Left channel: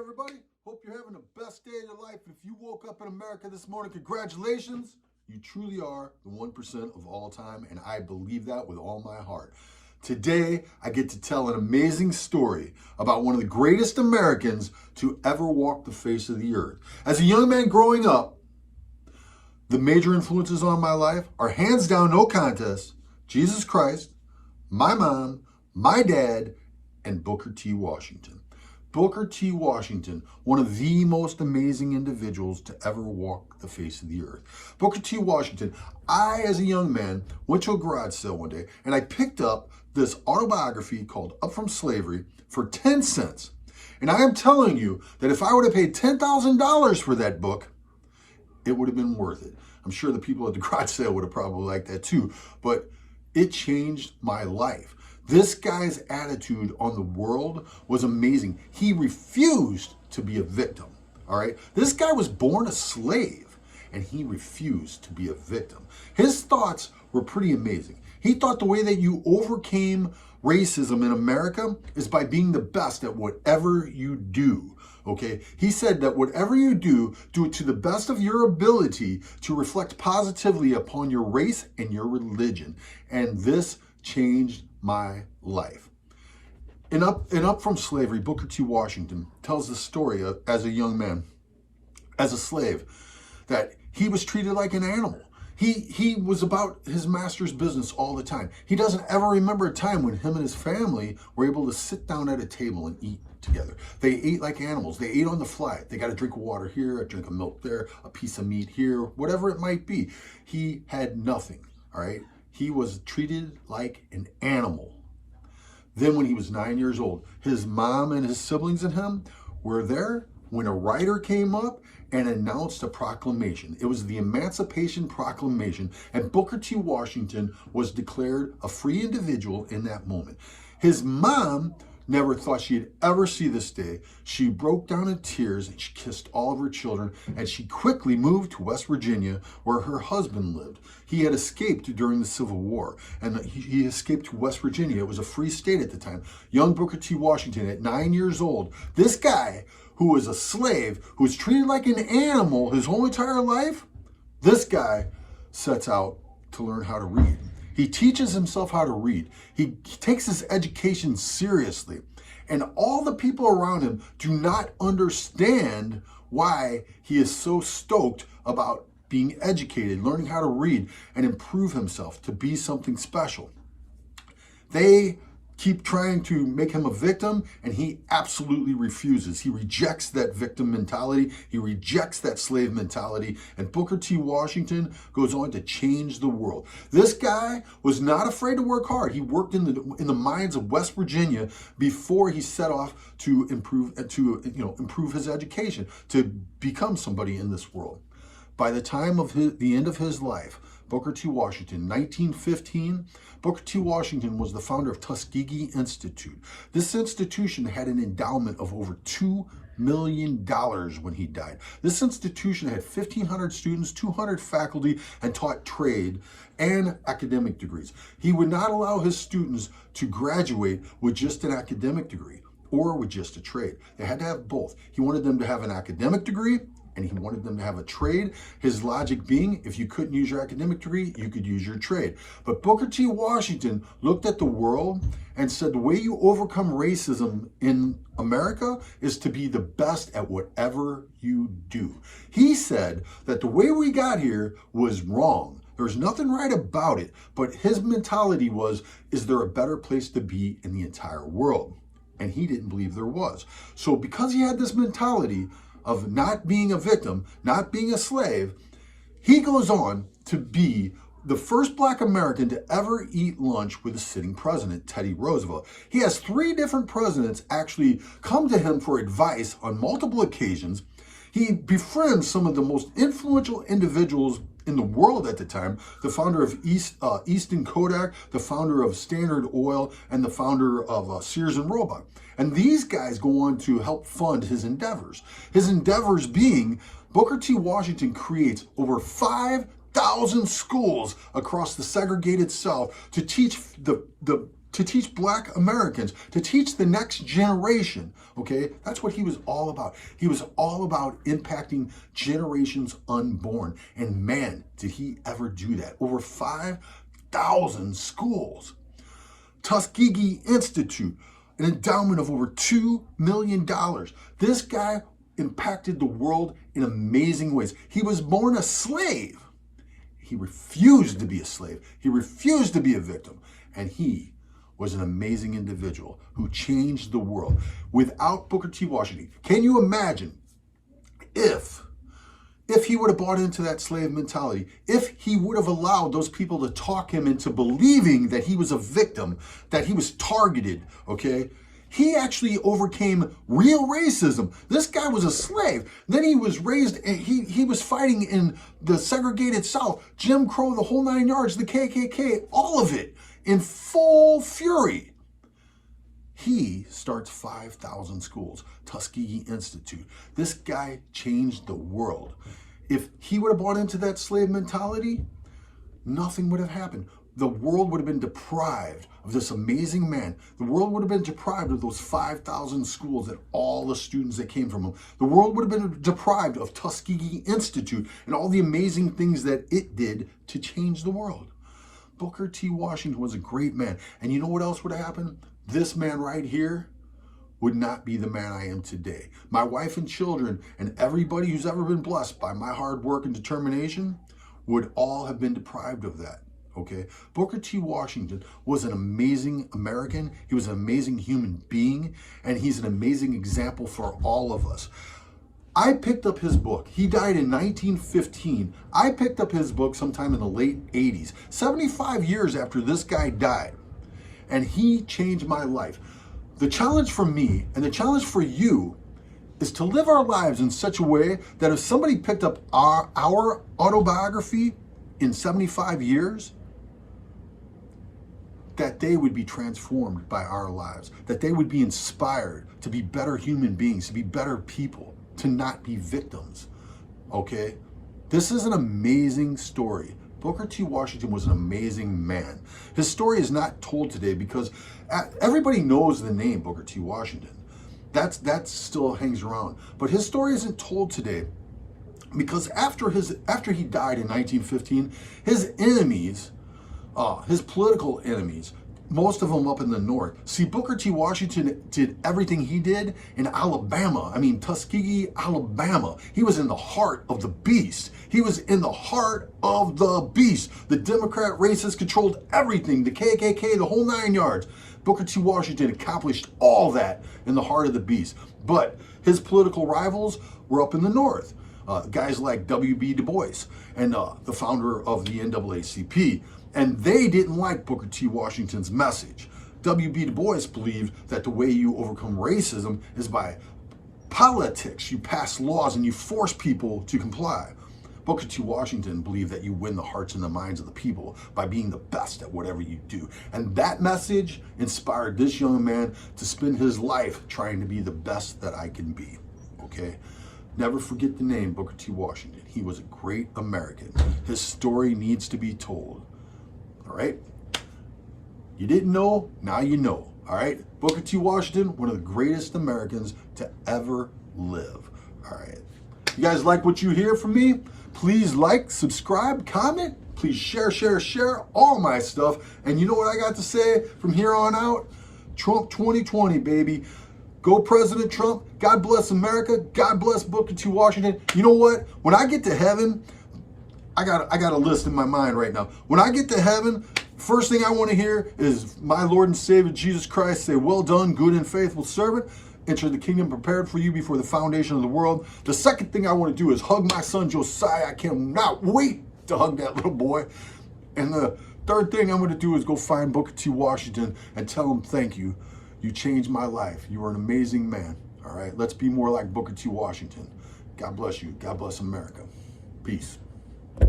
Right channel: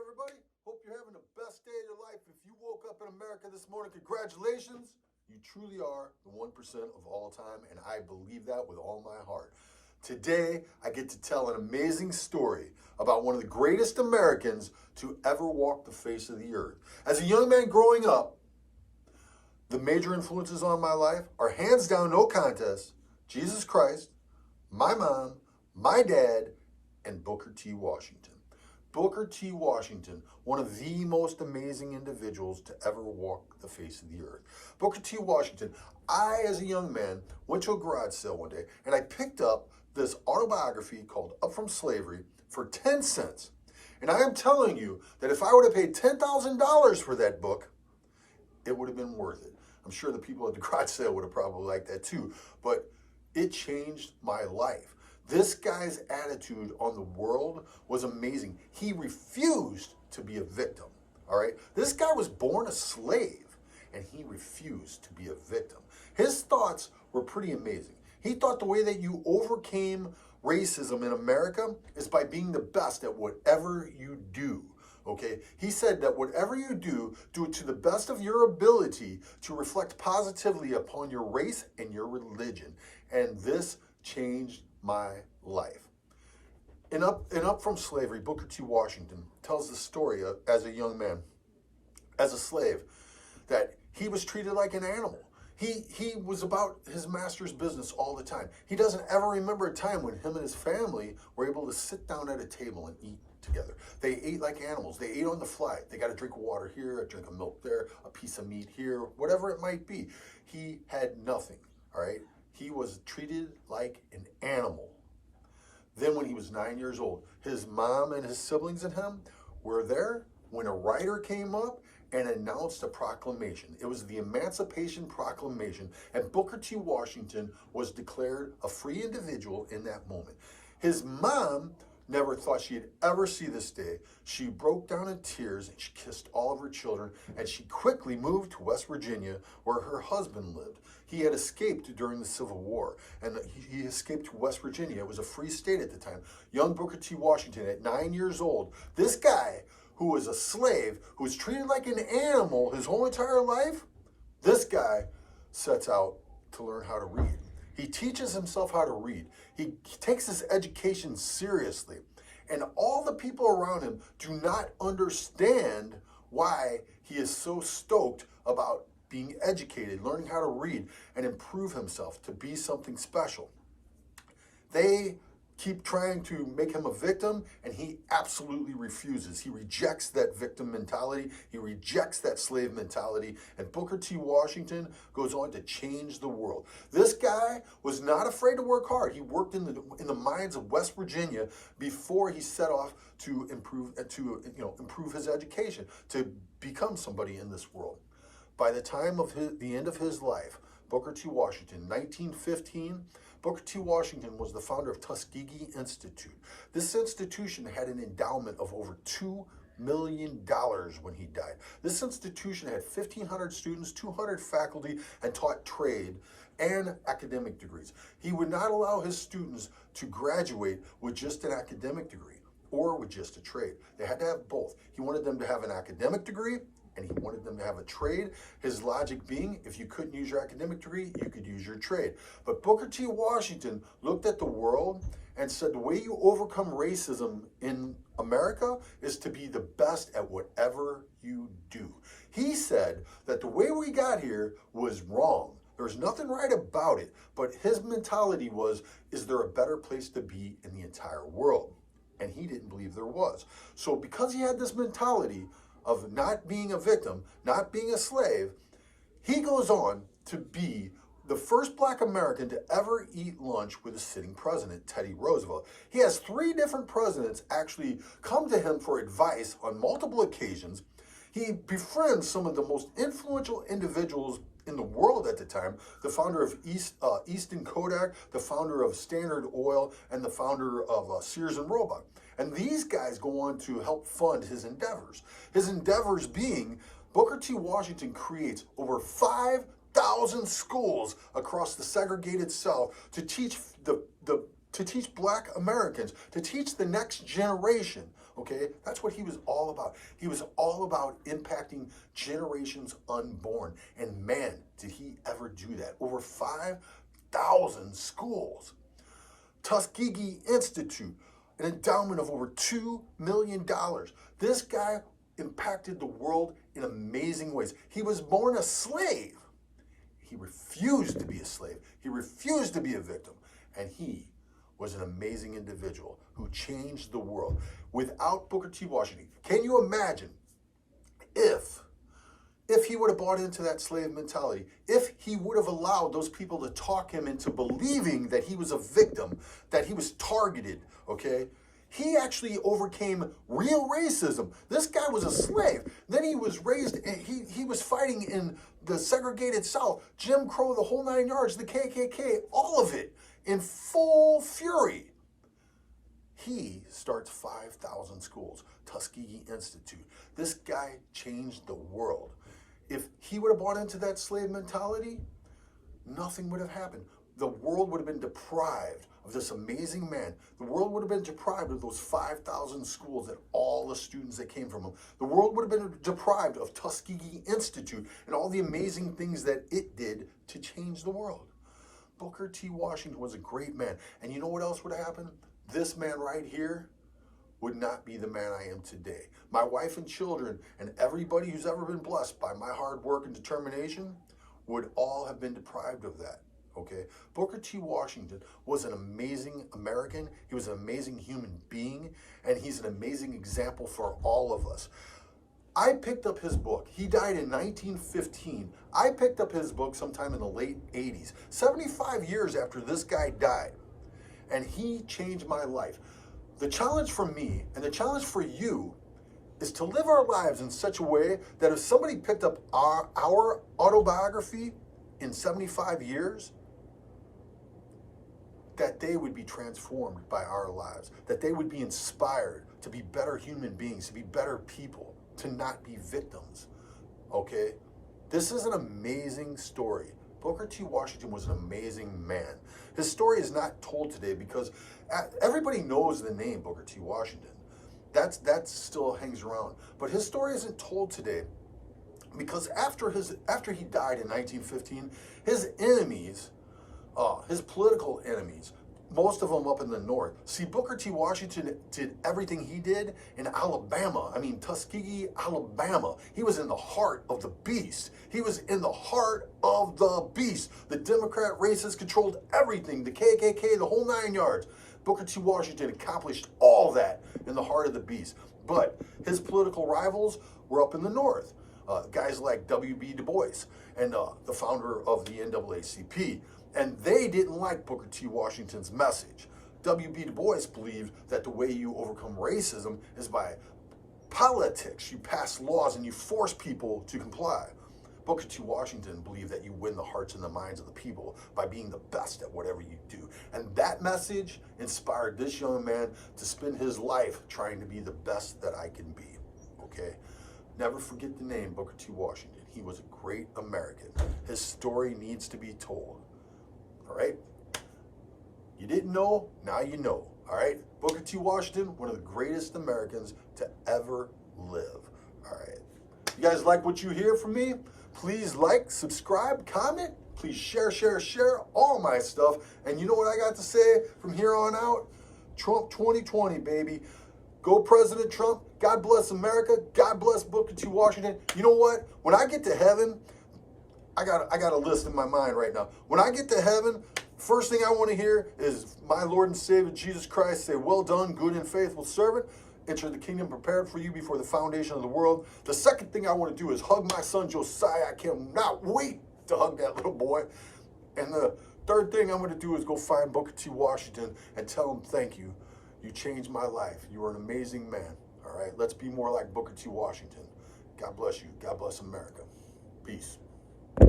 everybody. Hope you're having the best day of your life. If you woke up in America this morning, congratulations. You truly are the 1% of all time, and I believe that with all my heart. Today, I get to tell an amazing story about one of the greatest Americans to ever walk the face of the earth. As a young man growing up, the major influences on my life are hands down, no contest, Jesus Christ, my mom, my dad, and Booker T. Washington. Booker T. Washington, one of the most amazing individuals to ever walk the face of the earth. Booker T. Washington, I, as a young man, went to a garage sale one day and I picked up this autobiography called Up From Slavery for 10 cents. And I am telling you that if I would have paid $10,000 for that book, it would have been worth it. I'm sure the people at the garage sale would have probably liked that too, but it changed my life. This guy's attitude on the world was amazing. He refused to be a victim, all right? This guy was born a slave, and he refused to be a victim. His thoughts were pretty amazing. He thought the way that you overcame racism in America is by being the best at whatever you do, okay? He said that whatever you do it to the best of your ability to reflect positively upon your race and your religion. And this changed my life. In Up From Slavery, Booker T. Washington tells the story of, as a young man, as a slave, that he was treated like an animal. He was about his master's business all the time. He doesn't ever remember a time when him and his family were able to sit down at a table and eat together. They ate like animals. They ate on the fly. They got a drink of water here, a drink of milk there, a piece of meat here, whatever it might be. He had nothing, all right? He was treated like an animal. Then when he was 9 years old, his mom and his siblings and him were there when a writer came up and announced a proclamation. It was the Emancipation Proclamation, and Booker T. Washington was declared a free individual in that moment. His mom never thought she'd ever see this day. She broke down in tears and she kissed all of her children, and she quickly moved to West Virginia where her husband lived. He had escaped during the Civil War, and he escaped to West Virginia. It was a free state at the time. Young Booker T. Washington, at 9 years old, this guy who was a slave, who was treated like an animal his whole entire life, this guy sets out to learn how to read. He teaches himself how to read. He takes his education seriously. And all the people around him do not understand why he is so stoked about being educated, learning how to read, and improve himself to be something special. They keep trying to make him a victim, and he absolutely refuses. He rejects that victim mentality. He rejects that slave mentality. And Booker T. Washington goes on to change the world. This guy was not afraid to work hard. He worked in the mines of West Virginia before he set off to improve his education, to become somebody in this world. By the time of the end of his life, Booker T. Washington, 1915, Booker T. Washington was the founder of Tuskegee Institute. This institution had an endowment of over $2 million when he died. This institution had 1,500 students, 200 faculty, and taught trade and academic degrees. He would not allow his students to graduate with just an academic degree or with just a trade. They had to have both. He wanted them to have an academic degree, and he wanted them to have a trade. His logic being, if you couldn't use your academic degree, you could use your trade. But Booker T. Washington looked at the world and said, the way you overcome racism in America is to be the best at whatever you do. He said that the way we got here was wrong. There was nothing right about it, but his mentality was, is there a better place to be in the entire world? And he didn't believe there was. So because he had this mentality of not being a victim, not being a slave, he goes on to be the first Black American to ever eat lunch with a sitting president, Teddy Roosevelt. He has 3 different presidents actually come to him for advice on multiple occasions. He befriends some of the most influential individuals in the world at the time, the founder of Easton Kodak, the founder of Standard Oil, and the founder of Sears and Roebuck. And these guys go on to help fund his endeavors. His endeavors being, Booker T. Washington creates over 5,000 schools across the segregated South to teach the to teach black Americans, to teach the next generation, okay? That's what he was all about. He was all about impacting generations unborn. And man, did he ever do that. Over 5,000 schools. Tuskegee Institute, an endowment of over $2 million. This guy impacted the world in amazing ways. He was born a slave. He refused to be a slave. He refused to be a victim. And he was an amazing individual who changed the world. Without Booker T. Washington, can you imagine if he would have bought into that slave mentality, if he would have allowed those people to talk him into believing that he was a victim, that he was targeted, okay? He actually overcame real racism. This guy was a slave. Then he was raised, he was fighting in the segregated South, Jim Crow, the whole 9 yards, the KKK, all of it in full fury. He starts 5,000 schools, Tuskegee Institute. This guy changed the world. If he would have bought into that slave mentality, nothing would have happened. The world would have been deprived of this amazing man. The world would have been deprived of those 5,000 schools and all the students that came from him. The world would have been deprived of Tuskegee Institute and all the amazing things that it did to change the world. Booker T. Washington was a great man. And you know what else would have happened? This man right here would not be the man I am today. My wife and children and everybody who's ever been blessed by my hard work and determination would all have been deprived of that, okay? Booker T. Washington was an amazing American. He was an amazing human being, and he's an amazing example for all of us. I picked up his book. He died in 1915. I picked up his book sometime in the late 80s, 75 years after this guy died, and he changed my life. The challenge for me and the challenge for you is to live our lives in such a way that if somebody picked up our autobiography in 75 years, that they would be transformed by our lives, that they would be inspired to be better human beings, to be better people, to not be victims, okay? This is an amazing story. Booker T. Washington was an amazing man. His story is not told today because everybody knows the name Booker T. Washington. That still hangs around. But his story isn't told today because after he died in 1915, his enemies, his political enemies, most of them up in the north. See, Booker T. Washington did everything he did in Alabama. I mean, Tuskegee, Alabama. He was in the heart of the beast. He was in the heart of the beast. The Democrat racists controlled everything. The KKK, the whole 9 yards. Booker T. Washington accomplished all that in the heart of the beast. But his political rivals were up in the north. Guys like W.B. Du Bois and the founder of the NAACP. And they didn't like Booker T. Washington's message. W.B. Du Bois believed that the way you overcome racism is by politics. You pass laws and you force people to comply. Booker T. Washington believed that you win the hearts and the minds of the people by being the best at whatever you do. And that message inspired this young man to spend his life trying to be the best that I can be, okay? Never forget the name Booker T. Washington. He was a great American. His story needs to be told. All right? You didn't know, now you know. All right? Booker T. Washington, one of the greatest Americans to ever live. All right. You guys like what you hear from me? Please like, subscribe, comment. Please share all my stuff. And you know what I got to say from here on out? Trump 2020, baby. Go President Trump. God bless America. God bless Booker T. Washington. You know what? When I get to heaven, I got a list in my mind right now. When I get to heaven, first thing I want to hear is my Lord and Savior Jesus Christ say, "Well done, good and faithful servant. Enter the kingdom prepared for you before the foundation of the world." The second thing I want to do is hug my son Josiah. I cannot wait to hug that little boy. And the third thing I'm going to do is go find Booker T. Washington and tell him, "Thank you. You changed my life. You are an amazing man." All right, let's be more like Booker T. Washington. God bless you. God bless America. Peace.